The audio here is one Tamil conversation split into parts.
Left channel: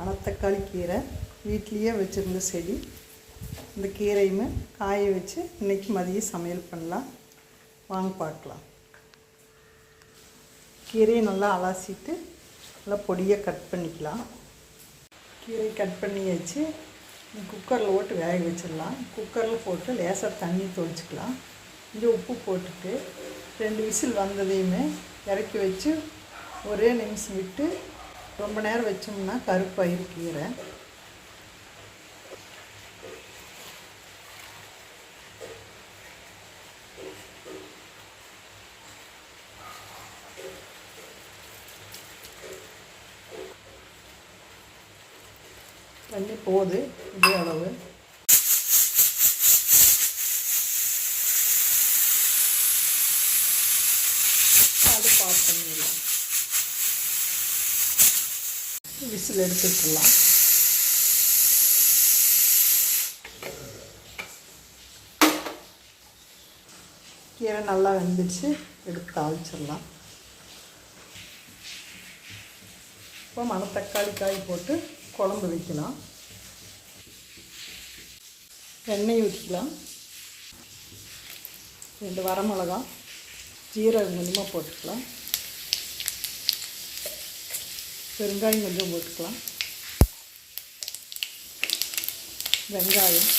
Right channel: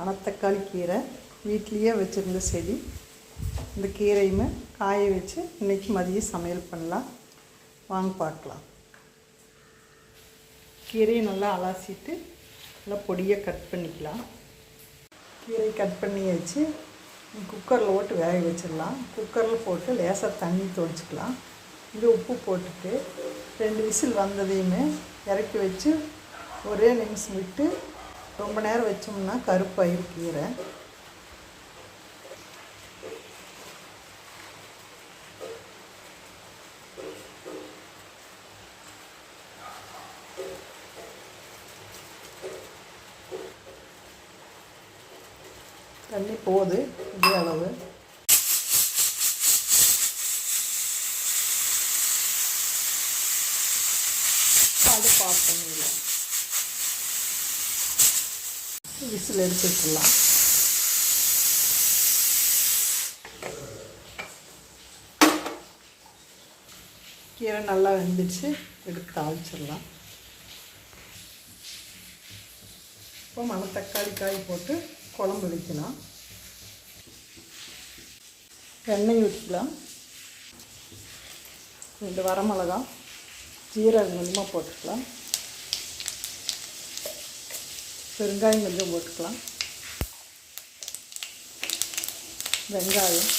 மணத்தக்காளி கீரை வீட்லேயே வச்சுருந்த செடி. இந்த கீரையுமே காய வச்சு இன்றைக்கி மதியம் சமையல் பண்ணலாம். வாங்க பார்க்கலாம். கீரையை நல்லா அலசிட்டு நல்லா பொடியாக கட் பண்ணிக்கலாம். கீரை கட் பண்ணியாச்சு குக்கரில் போட்டு வேக வச்சிடலாம். குக்கரில் போட்டு லேசாக தண்ணி தொளிச்சிக்கலாம். கொஞ்சம் உப்பு போட்டுட்டு ரெண்டு விசில் வந்ததையுமே இறக்கி வச்சு ஒரே நிமிஷம் விட்டு ரொம்ப நேரம் வச்சோம்னா கருப்பாயிரு கீரை. தண்ணி போகுது இதே அளவு. அடுப்பு ஆஃப் பண்ணிடலாம். விசில் எடுத்து விட்டுடலாம் கீரை நல்லா வெந்துடுச்சு எடுத்து தாளிச்சிடலாம். இப்போ மணத்தக்காளி காய் போட்டு குழம்பு வைக்கலாம். எண்ணெய் ஊற்றிக்கலாம். ரெண்டு வரமிளகா ஜீரகம் கொஞ்சமாக போட்டுக்கலாம். பெருங்காயம் கொஞ்சம் போட்டுக்கலாம். வெங்காயம்.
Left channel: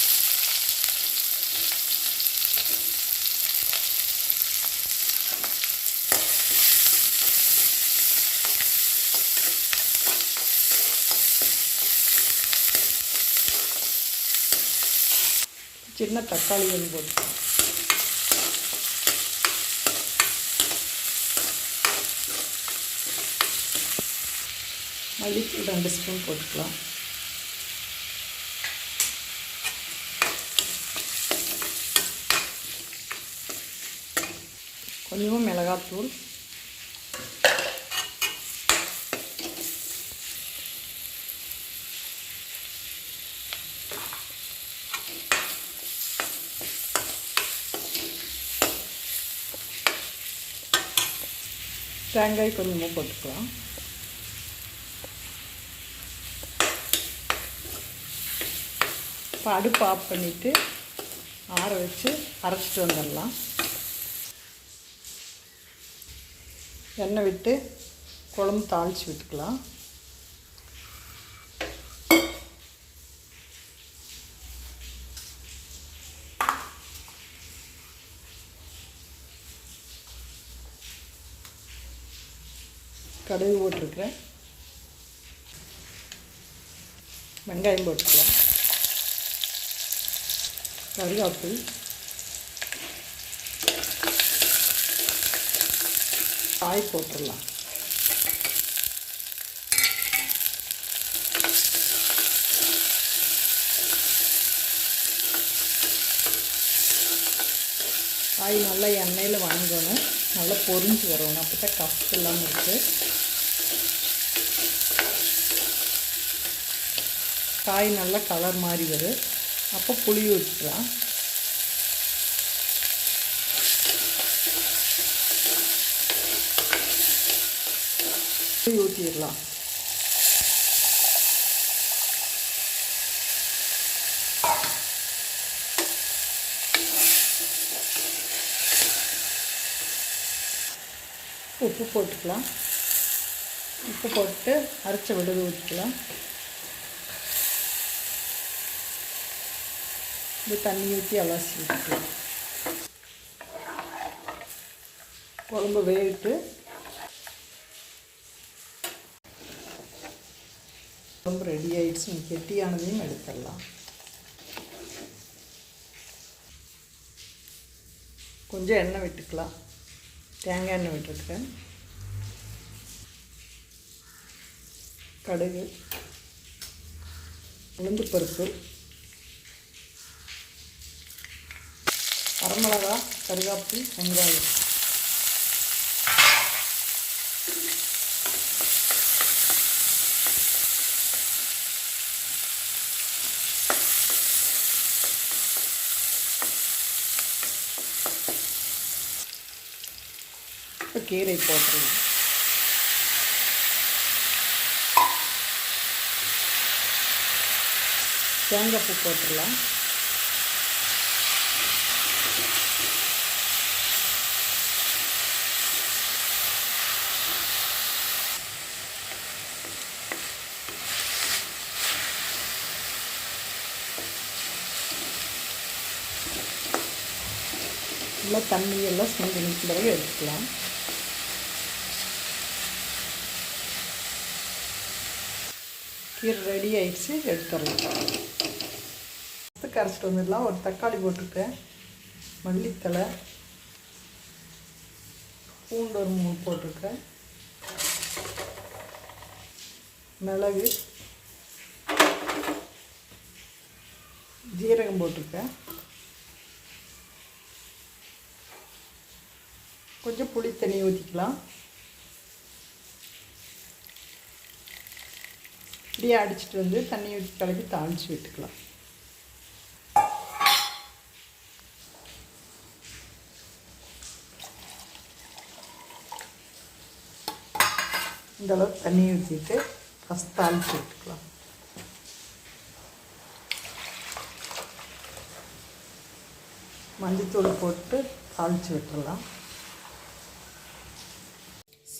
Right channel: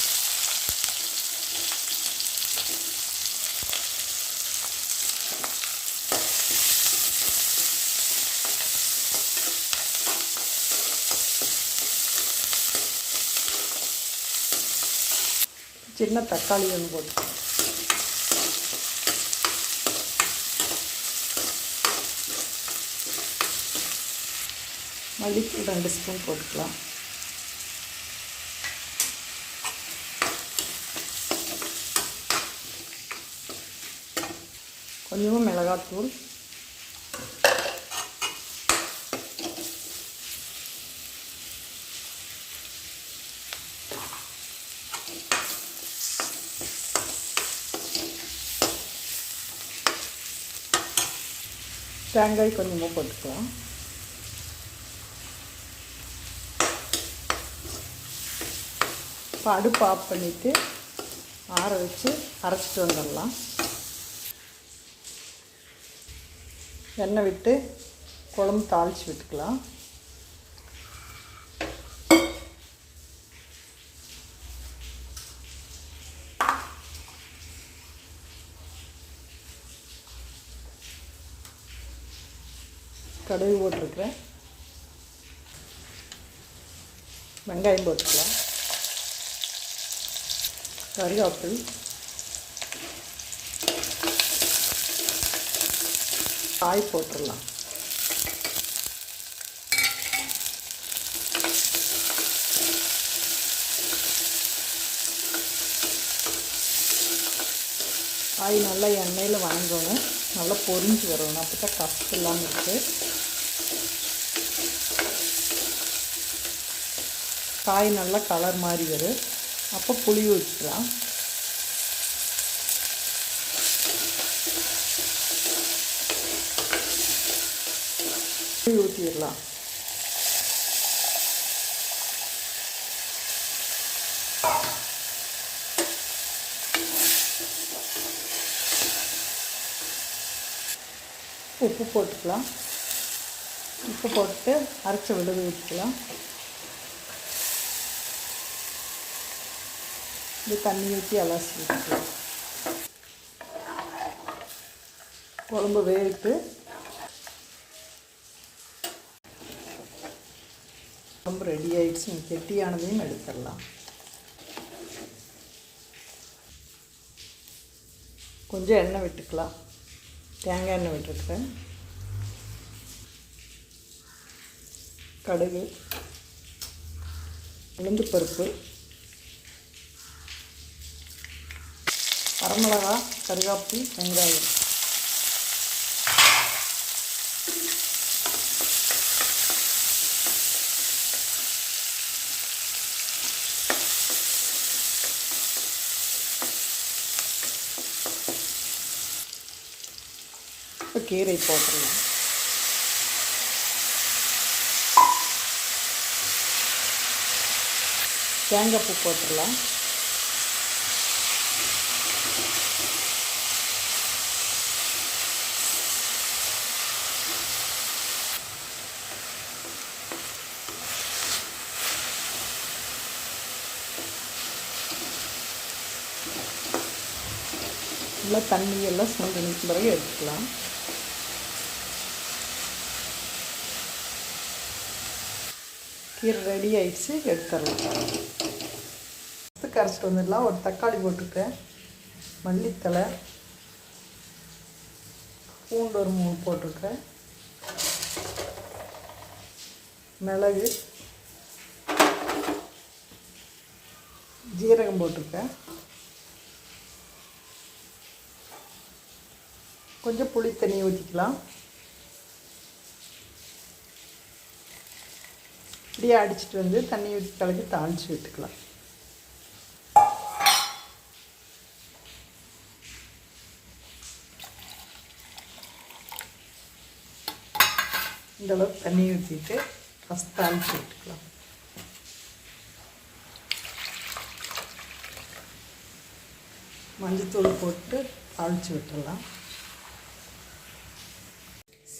சின்ன தக்காளி ஒன்று போட்டுக்கலாம். மல்லித்தூள் ரெண்டு ஸ்பூன் போட்டுக்கலாம். கொஞ்சமாக மிளகாத்தூள். தேங்காய் கொஞ்சமாக போட்டுக்கலாம். இப்போ அடுப்பு ஆஃப் பண்ணிவிட்டு ஆற வச்சு அரைச்சிட்டு வந்துடலாம். எண்ணெய் விட்டு குழம்பு தாளித்து விட்டுக்கலாம். கடுகு போட்டிருக்கிறேன். வெங்காயம் போட்டுக்கலாம். கருவேப்பில் காய் போட்டுடலாம். காய் நல்லா எண்ணெயில் வணங்கணும். நல்லா பொரிஞ்சு வரணும். அப்போ தான் கப்பு இல்லாமல் இருக்குது காய் நல்லா கலர் மாதிரி வரும். அப்போ புளி ஊற்றிக்கலாம் புளி ஊற்றிடலாம் உப்பு போட்டுக்கலாம். உப்பு போட்டு அரைச்ச விழுது ஊற்றிக்கலாம் இது தண்ணி ஊற்றி அலசி விட்டுக்கலாம் குழம்பு வேவிட்டு குழம்பு ரெடி ஆயிடுச்சு கெட்டியானதையும் எடுத்துடலாம் கொஞ்சம் எண்ணெய் விட்டுக்கலாம் தேங்காய் எண்ணெய் விட்டுருக்கேன் கடுகு உளுந்து பருப்பு வரமிளகா கருகாப்பில் வெங்காயம். இப்போ கீரை போட்டுருவோம் தேங்காய் பூ போட்டுடலாம். நல்லா தண்ணியெல்லாம் சுண்டி நிற்கும் பிறகு எடுத்துக்கலாம். கீரை ரெடி ஆயிடுச்சு எடுத்துடலாம். ஃபஸ்ட்டு கரைச்சிட்டு வந்துடலாம். ஒரு தக்காளி போட்டுக்கிட்டேன் மல்லித்தலை பூண்டு ஒரு மூணு போட்டிருக்கேன். மிளகு. ஜீரகம் போட்டிருக்கேன். கொஞ்சம் புளி தண்ணி ஊற்றிக்கலாம் இப்படியே அடிச்சிட்டு வந்து தண்ணி ஊற்றி கலக்கி தாளித்து விட்டுக்கலாம். இந்தளவுக்கு தண்ணி ஊற்றிட்டு ஃபஸ்ட் தாளித்து விட்டுக்கலாம். மஞ்சத்தூள் போட்டு தாளித்து விட்டுறலாம்.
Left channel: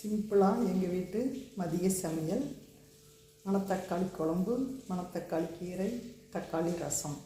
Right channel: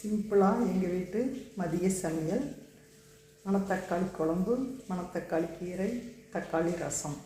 சிம்பிளாக எங்கள் வீட்டு மதிய சமையல். மணத்தக்காளி குழம்பு மணத்தக்காளி கீரை தக்காளி ரசம்.